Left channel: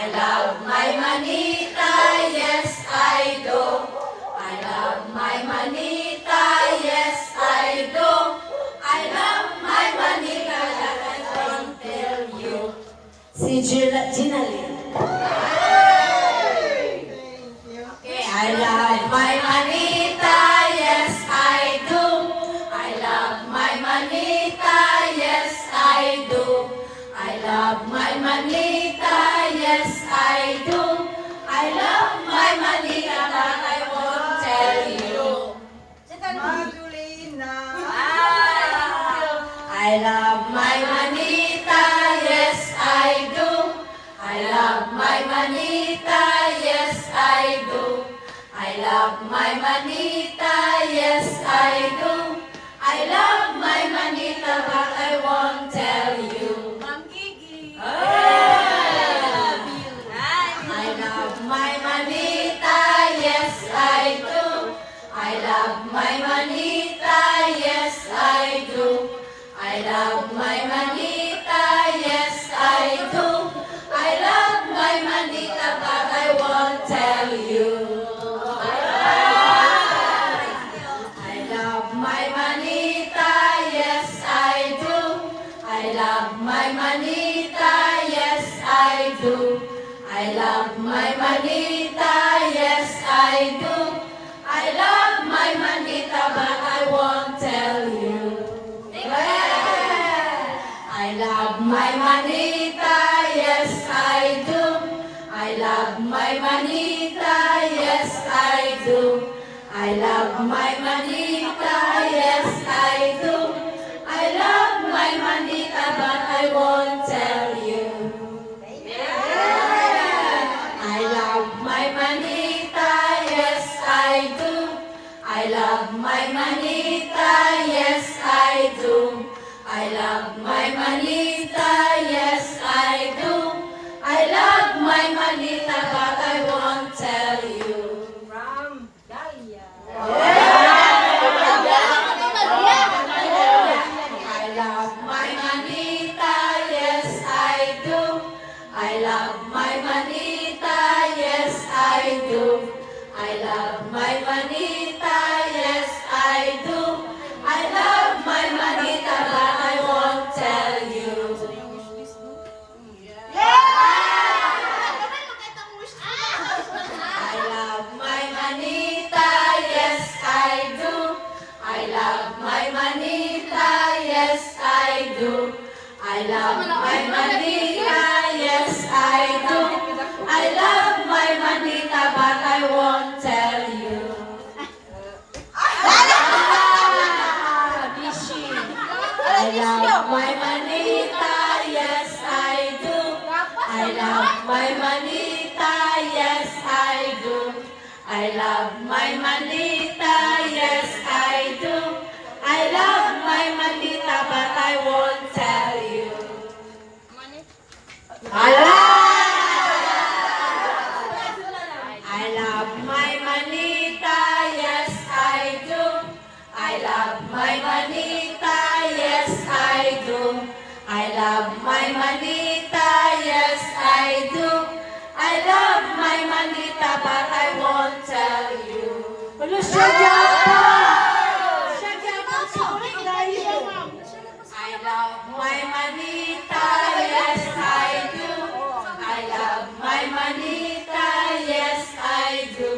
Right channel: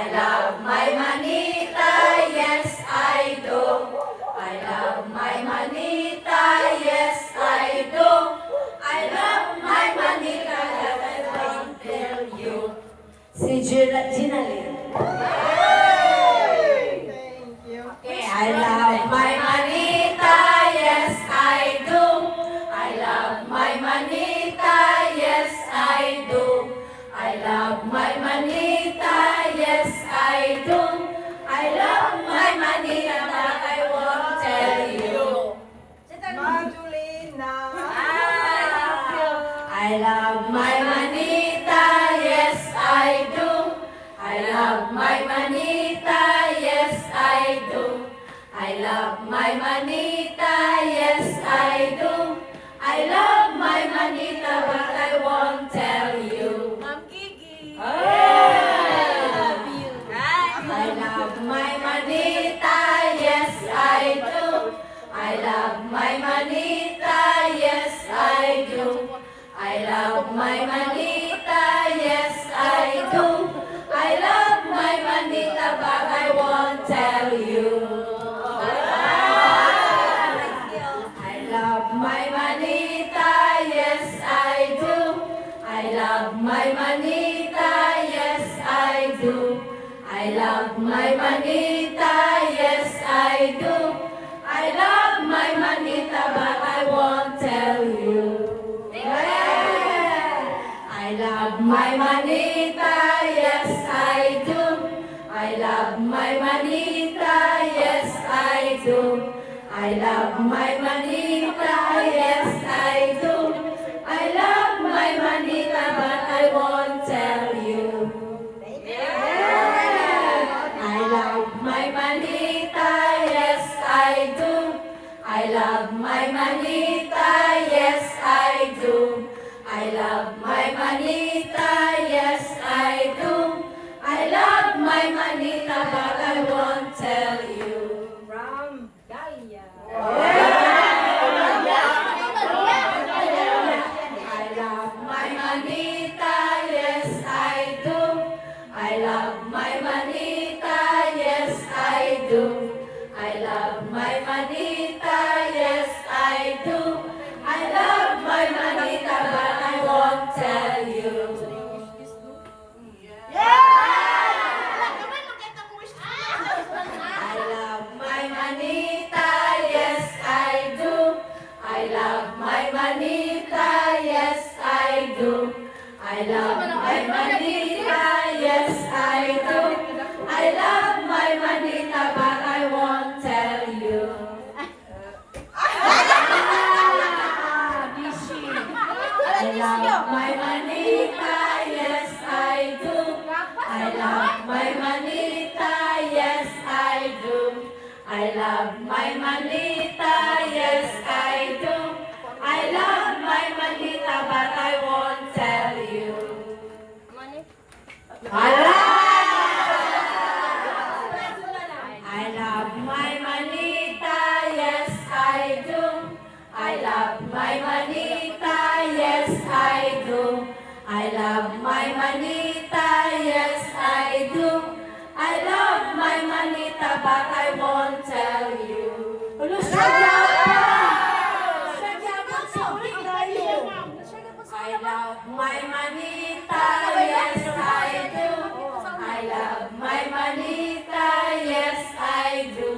I love my manita, yes I do. I love my manita, yes I do. I love my manita, that I don't tell you. Si Ginaline. Okay, I love my manita, yes I do. I love my manita, yes I do. I love my manita, yes I do. I love my manita, but I won't tell you. Madulina. I love my manita, yes I do. I love my manita, yes I do. I love my manita, yes I do. I love my manita, but I won't tell you. Ma'am Gigi. I love my manita, yes I do. I love my manita, yes I do. I love my manita, yes I do. I love my manita, but I won't tell you. I love my manita, yes I do. I love my manita, yes I do. I love my manita, yes I do. I love my manita, but I won't tell you. I love my manita, yes I do. I love my manita, yes I do. I love my manita, yes I do. I love my manita, but I won't tell you. I love my manita, yes I do. I love my manita, yes I do. I love my manita, yes I do. I love my manita, but I won't tell you. From Dahlia. I love my manita, yes I do. I love my manita, yes I do. I love my manita, yes I do. I love my manita, but I won't tell you. I love my manita, yes I do. I love my manita, yes I do. I love my manita, yes I do. I love my manita, but I won't tell you. I love my manita, yes I do. I love my manita, yes I do. I love my manita, yes I do. I love my manita, but I won't tell you. I love my manita, yes I do. I love my manita, yes I do. I love my manita, yes I do. I love my manita, but I won't tell you. I love my manita, yes I do. I love my manita, yes I do.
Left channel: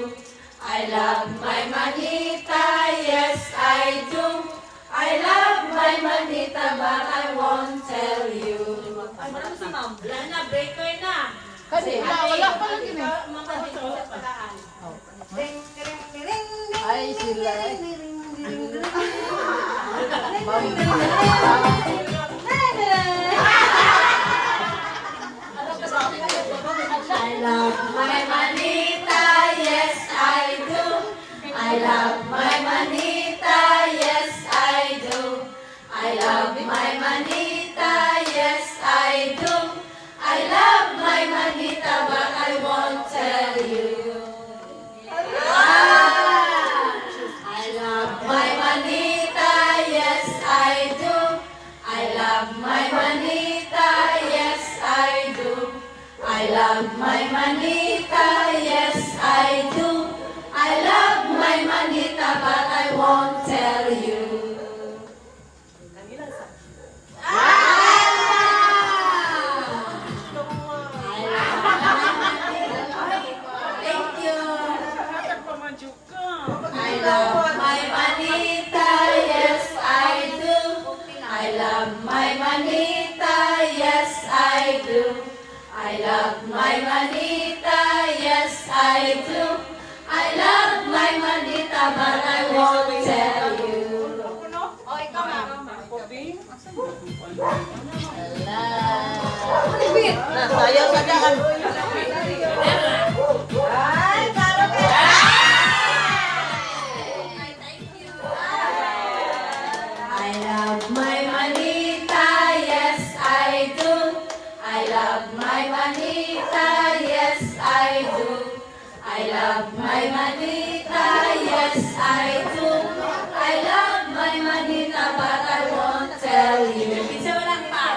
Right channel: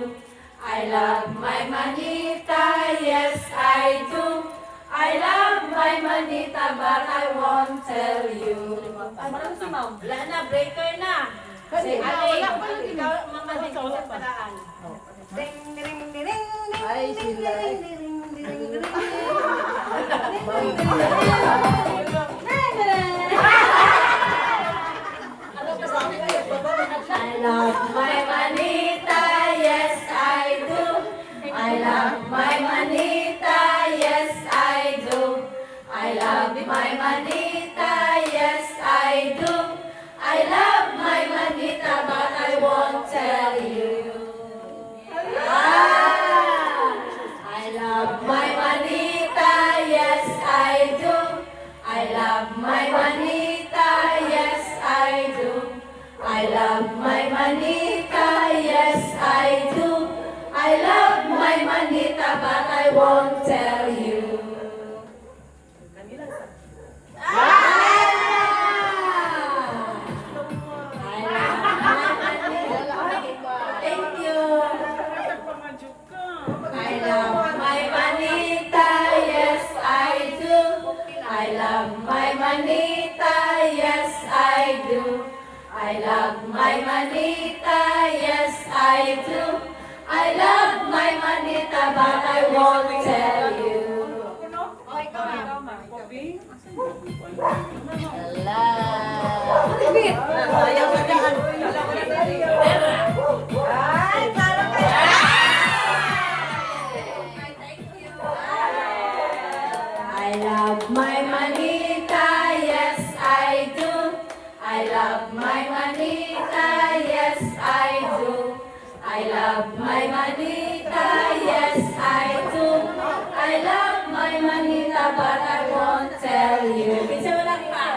I love my manita, yes I do. I love my manita, but I won't tell you. Yan na, break time na. Kasi, Ikaw, mamalig sa padaan. ay sila. I love my manita, yes I do. I love my manita, yes I do. I love my manita, yes I do. I love my manita, but I won't tell you. I love my manita, yes I do. I love my manita, yes I do. I love love my manita, yes I do. I love my manita, but I won't tell you. Thank you. I love my manita, yes I do. I love my manita, yes I do. I love my manita, yes I do. I love my manita, but I won't tell you. Ay, talo ka. I love my manita, yes I do. I love my manita, yes I do. I love my manita, yes I do. I love my manita, but I won't tell you. Bisa mo lang pa.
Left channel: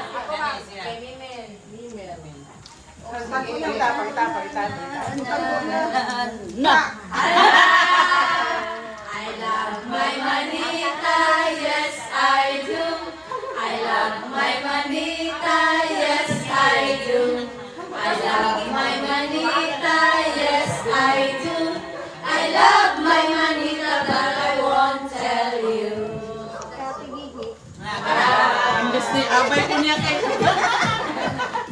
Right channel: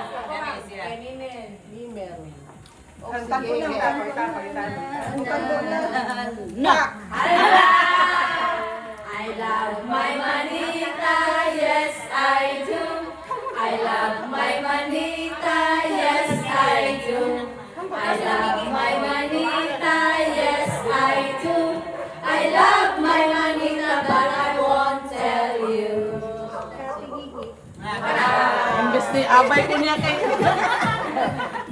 I love my manita, yes I do. I love my manita, yes I do. I love my manita, yes I do. I love my manita, but I won't tell you. Imbes ni abay ko niya kay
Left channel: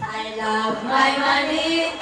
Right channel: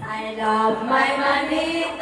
I love my manita.